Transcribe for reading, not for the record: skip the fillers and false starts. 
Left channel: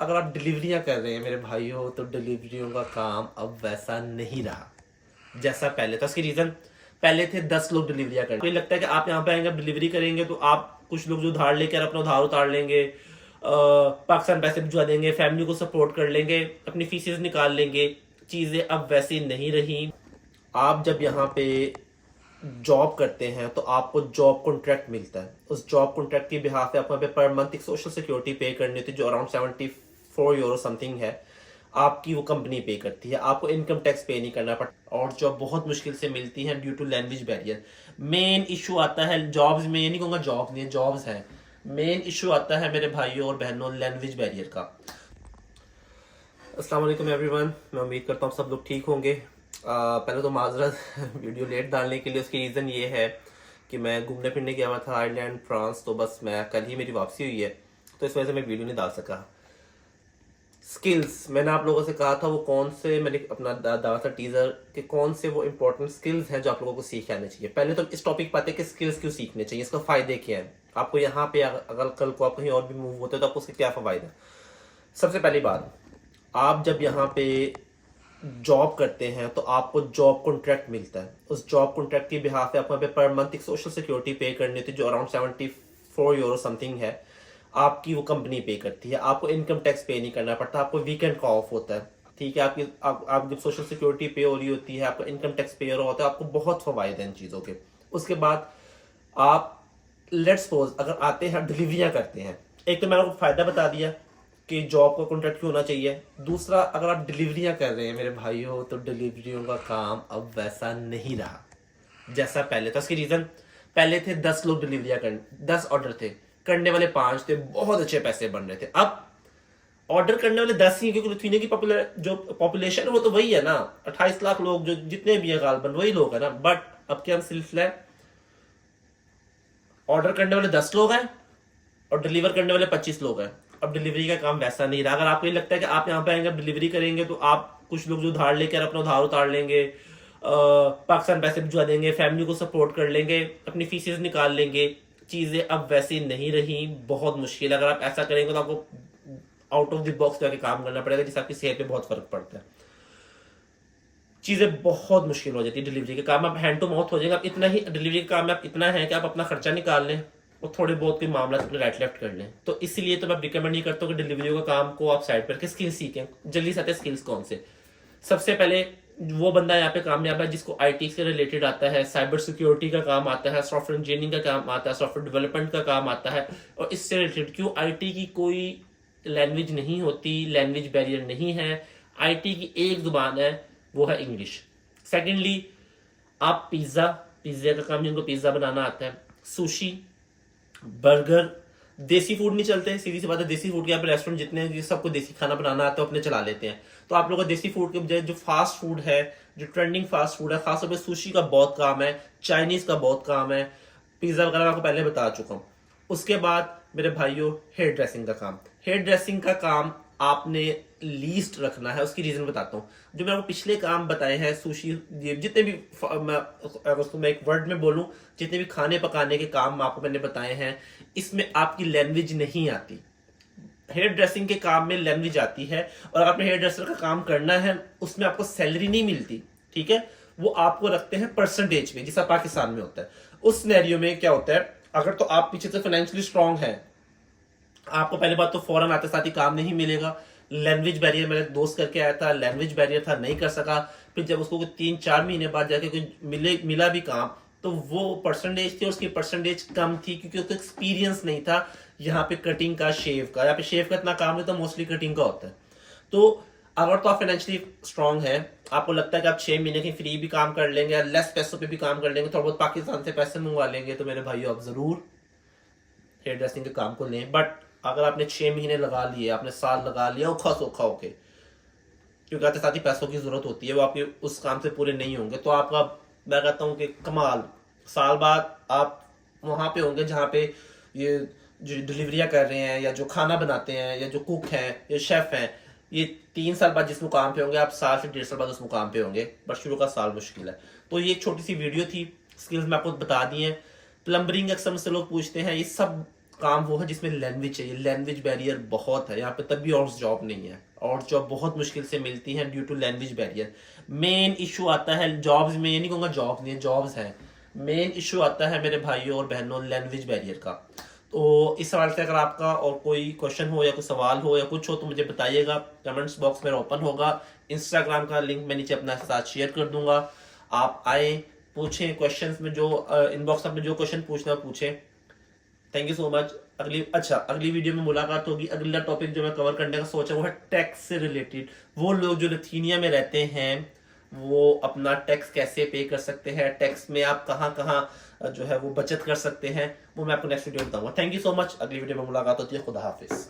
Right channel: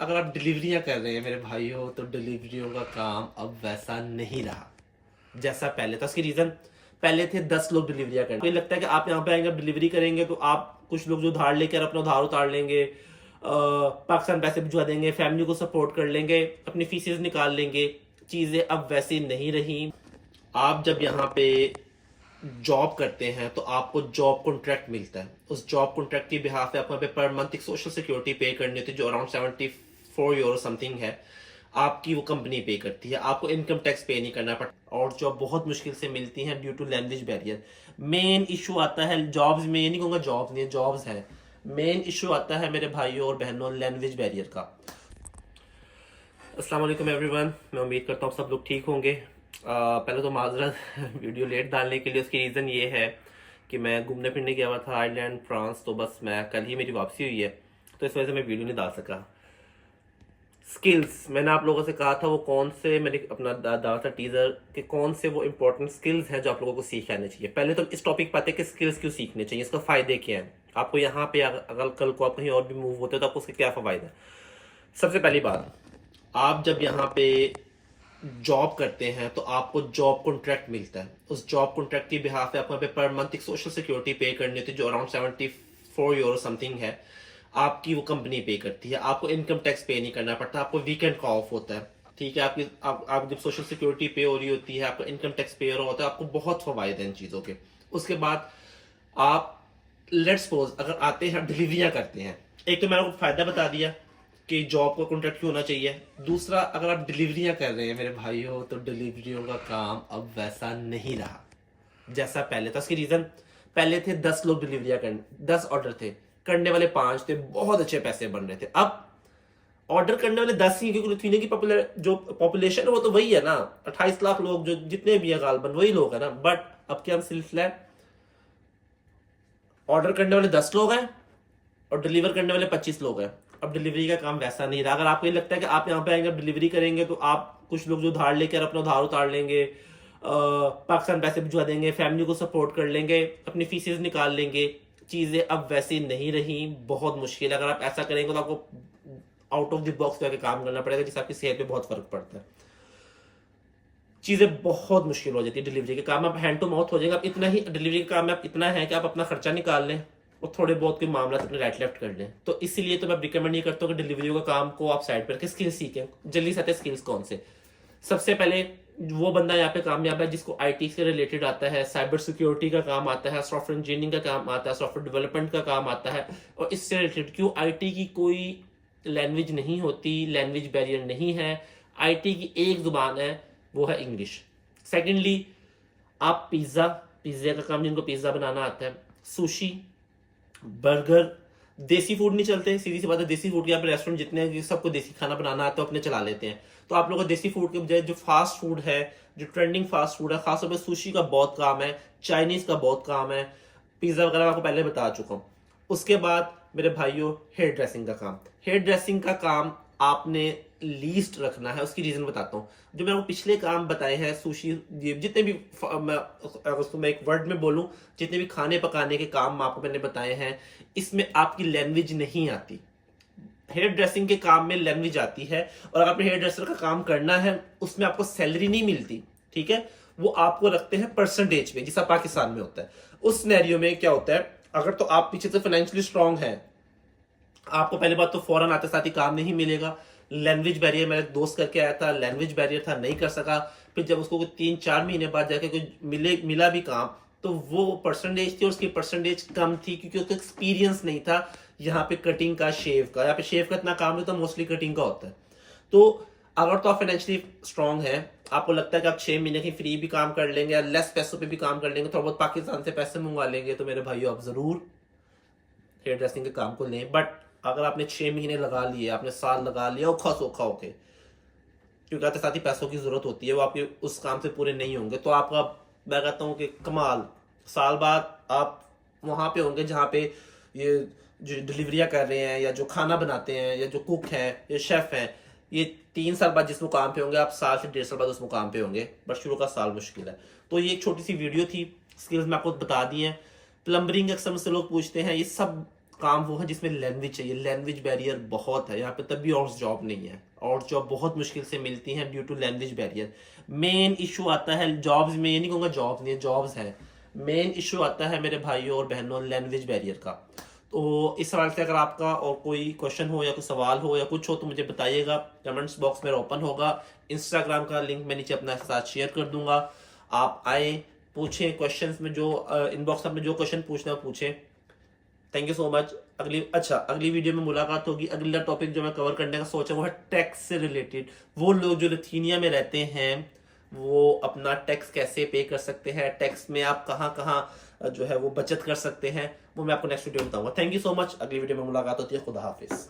अगर आप डिलीवरियां कर रहे हैं मेरे भाइयों, तो डिलीवरियों का काम अब वैसा नहीं रहा जैसा पहले था। उसकी रीजन, पहले थे 10 लोग डिलीवरियां करने। मुझे लगता है कि आप यहाँ पे आएंगे, डिलीवरी करेंगे तो आप कुछ लोग जो उधार लेकर अपना उधार उतार लेंगे, पाकिस्तान पैसे भिजवा देंगे, फैमिली को सपोर्ट कर लेंगे, अपनी फीसेस निकाल लेंगे। चीजें अब वैसी नहीं रही। आप जब यहाँ पे जॉब करते हैं तो आपको जॉब कॉन्ट्रैक्ट मिलता है। उस जॉब कॉन्ट्रैक्ट की बिहाफ पे आपको यहाँ पे पर मंथ एक सोशल सिक्योरिटी पे करनी होती है, जो अराउंड 74 यूरो समथिंग है। आपकी वो कंपनी पे करती है, आपको इनकम टैक्स पे नहीं करना पड़ता। और जॉब बहुत मुश्किल से मिलती है due to language barrier. Main issue आता है जॉब्स में, ये नहीं कहूँगा जॉब्स नहीं, जॉब्स हैं। मेन इशू आता है मेरे भाइयों और बहनों लैंग्वेज बैरियर का। अस्सलाम वालेकुम एवरीवन, मैं उम्मीद करता हूँ सब लोग ठीक होंगे। पहले तो माजरत वीडियो लेट डालने के लिए। उसकी रीज़न ये है कि मैं घूमने फिरने गया हुआ था आयरलैंड, फ्रांस। तो बस मैं कल ही मेरी वापसी हुई है, तो इस वजह से मैं वीडियो नहीं डाल सका। स्किल्स मैंने आप लोगों से कहा था, वो कौन से मैंने अपना डाला था टीजर कि कौन से वो इंपॉर्टेंट स्किल्स हैं जो आप लोगों को सीख आने चाहिए। पहले तो इस टॉपिक पर आते हैं कि स्किल्स क्यों सीखने चाहिए, इसका फायदे क्या है आपको। यहाँ पे अगर कल को आप कहीं और भी मूव होते हैं तो आपको उसके क्या फायदा है। सबसे पहली बात, आप जब यहाँ पे जॉब करते हैं तो आपको जॉब कॉन्ट्रैक्ट मिलता है। उस जॉब कॉन्ट्रैक्ट की बिहाफ पे आपको यहाँ पे पर मंथ एक सोशल सिक्योरिटी पे करनी होती है, जो अराउंड 74 यूरो समथिंग है। आपकी वो कंपनी पे करती है, आपको इनकम टैक्स पे नहीं करना पड़ता, आपको वीकेंड का ऑफ होता है। ठीक है, आप जब सोशल सिक्योरिटी पे हो रही होती है, आपका इनकम टैक्स पे हो रहा होता है, आपको बहुत फवायद हैं इन चीज़ों के। उसके बाद आप लेट्स सपोज अगर आते हैं डिलीवरियां करते हैं, एक तो मैंने आपको फायदा बता दिया कि जॉब का कॉन्ट्रैक्ट क्यों होना चाहिए। दूसरा, अगर आप डिलीवरियां कर रहे हैं मेरे भाइयों, तो डिलीवरियों का काम अब वैसा नहीं रहा जैसा पहले था। उसकी रीजन, पहले थे 10 लोग डिलीवरियां करने, 10 ऑर्डर थे, करने वाले 5 थे, बहुत अच्छे पैसे बन रहे थे। अब ऑर्डर करने वाले 10 ही, क्योंकि लिथुआनिया की जो पॉपुलेशन है वो तो वही है ना, 28 लाख लोग जो जितने भी है गालबन वही लोग है ना। बट अब क्या सिलसिला है, ऑर्डर करने वाले 10 लोग हैं और डिलीवर करने वाले 25 लोग हैं। अब डिलीवरी का काम वैसा नहीं रहा। अगर आपको ये लगता है कि आप यहाँ पे आएंगे डिलीवरी करेंगे तो आप कुछ लोग जो उधार लेकर अपना उधार उतार लेंगे, पाकिस्तान पैसे भिजवा देंगे, फैमिली को सपोर्ट कर लेंगे, अपनी फीसेस निकाल लेंगे। चीजें अब वैसी नहीं रही, बहुत मुश्किल। अगर आप ऐसा करेंगे तो आपको आउट ऑफ द बॉक्स जाके काम करना पड़ेगा, जिससे आपकी सेहत पे बहुत फर्क पड़ता है। चीजें बहुत मुश्किल हो जाती है डिलीवरी के काम। आप हैंड टू माउथ हो जाएंगे। आप इतना ही डिलीवरी का काम में आप इतना है कि आप अपना खर्चा निकाल लें और थोड़े बहुत कोई मामला अपने राइट लेफ्ट कर लें। तो इसीलिए तो मैं रिकमेंड नहीं करता हूँ कि डिलीवरी का काम को आप साइड पर रखें, स्किल्स सीखें। जल्दी से आते हैं स्किल्स कौन से। सबसे पहले वो बंदा यहाँ पे कामयाब है जिसको आईटी से रिलेटेड आता है, साइबर सिक्योरिटी का काम आता है, सॉफ्टवेयर इंजीनियरिंग का काम आता है, सॉफ्टवेयर डेवलपमेंट का काम आता है। और इससे रिलेटेड क्यों, आईटी की कोई लैंग्वेज नहीं होती, लैंग्वेज बैरियर नहीं है। आईटी की एक जुबान है, वो है इंग्लिश। सेकेंडली, आप पिज्ज़ा का काम जिनको पिज्ज़ा बनाना आता है, सुशी, बर्गर, देसी फूड नहीं चलते, सीधी सी बात है। देसी फूड के यहाँ पे रेस्टोरेंट जितने हैं सबको देसी खाना बनाना आता है, अपने चला लेते हैं। तो आप लोगों को देसी फूड के बजाय जो फास्ट फूड है, जो ट्रेंडिंग फास्ट फूड है, खासतौर पर सुशी का बहुत काम है, चाइनीज का बहुत काम है, पिज्जा वगैरह आपको पहले बता चुका हूँ। उसके बाद मेरे भाइयों, हेयर ड्रेसिंग का काम। हेयर ड्रेसिंग का काम आपने लीस्ट रखना है। उसकी रीजन बताता हूँ। जो मैं आपको पिछले काम बताए हैं, सुशी, जितने भी अगर उसको मैं एक वर्ड में बोलूं, जितने भी खाने पकाने के काम आपको मैंने बताए हैं, इसमें आपकी लैंग्वेज नहीं आती। हेयर ड्रेसिंग के काम में लैंग्वेज आती है। और अगर आपने हेयर ड्रेसर का काम करना है, उसमें आपको सैलरी नहीं मिलती, ठीक है। वो आपको रखते हैं परसेंटेज पे, जैसा पाकिस्तान में होता है। उस सिनेरियो में क्या होता है, अगर तो आप पीछे से फाइनेंशियली स्ट्रांग है, आपको पहले बात तो फौरन आते साथ ही काम नहीं मिलेगा। लैंग्वेज बैरियर, मेरा दोस्त करके आया था, लैंग्वेज बैरियर था, नहीं कर सका। फिर जब उसको 3-4 महीने बाद जाके कोई मिला भी काम, तो वो परसेंटेज थी और उसकी परसेंटेज कम थी, क्योंकि उसको एक्सपीरियंस नहीं था यहाँ पे कटिंग का, शेव का। यहाँ पे शेव का इतना काम नहीं, तो मोस्टली कटिंग का होता है। तो अगर तो आप फाइनेंशियली स्ट्रांग है, आपको लगता है कि आप 6 महीने की फ्री भी काम कर लेंगे या लेस पैसों पे भी काम कर लेंगे, थोड़ा बहुत पाकिस्तान से पैसे मंगवा लेंगे, तो मेरे भाइयों आप जरूर हेयर ड्रेसिंग के काम को लें। बट अगर आपने 6 महीने लगा लिए, आपने साल लगा लिया औखा सौखा होके, क्योंकि आते साथ ही पैसों की जरूरत होती है, वो आपके उस काम से पूरे नहीं होंगे, तो आपका, मैं कहता हूँ कि कमाल, साल बाद आप वहां पे होंगे जहाँ पे ये जो डिलीवरियां कर रहे हैं या जो खाना बनाते हैं या जो कुक हैं या शेफ हैं, ये 3 साल बाद जिस मुकाम पे होंगे, आप साल से 1.5 साल बाद उस मुकाम पे होंगे। बट शुरू का साल मुश्किल है। तो ये एक छोटी सी वीडियो थी, स्किल्स मैं आपको बता दी हैं। प्लम्बरिंग अक्सर मुझसे लोग पूछते हैं, ये सब काम वो है जिसमें लैंग्वेज चाहिए। लैंग्वेज बैरियर बहुत है यहाँ पे, तब भी और जॉब नहीं है, और जॉब बहुत मुश्किल से मिलती हैं due to language barrier. Main issue आता है जॉब्स में, ये नहीं कहूँगा जॉब्स नहीं है, जॉब्स हैं। मेन इशू आता है मेरे भाइयों और बहनों लैंग्वेज बैरियर का। तो इस सवाल से अगर आपका और कोई क्वेश्चन हो या कोई सवाल हो या कुछ हो तो मुझे बताइएगा, कमेंट्स बॉक्स मेरा ओपन होगा। इंस्टाग्राम का लिंक मैं नीचे अपना साथ शेयर कर दूंगा, आप आए पूछें क्वेश्चंस में, जो इनबॉक्स में जो क्वेश्चन पूछना पूछें। Thank you so much. अगली वीडियो में मुलाकात होगी। अगला टॉपिक जो मैं कवर करने का सोचा वो है टैक्स से रिलेटेड। वो लोग जो लिथुआनिया में रहते हैं वो अपना टैक्स कैसे पे कर सकते हैं, टैक्स में आप कहाँ कहाँ जो है वो बचत कर सकते हैं, वो मैं आपको नेक्स्ट वीडियो में बताऊंगा। Thank you so much. अगली वीडियो में मुलाकात होती है। खुदा हाफिज।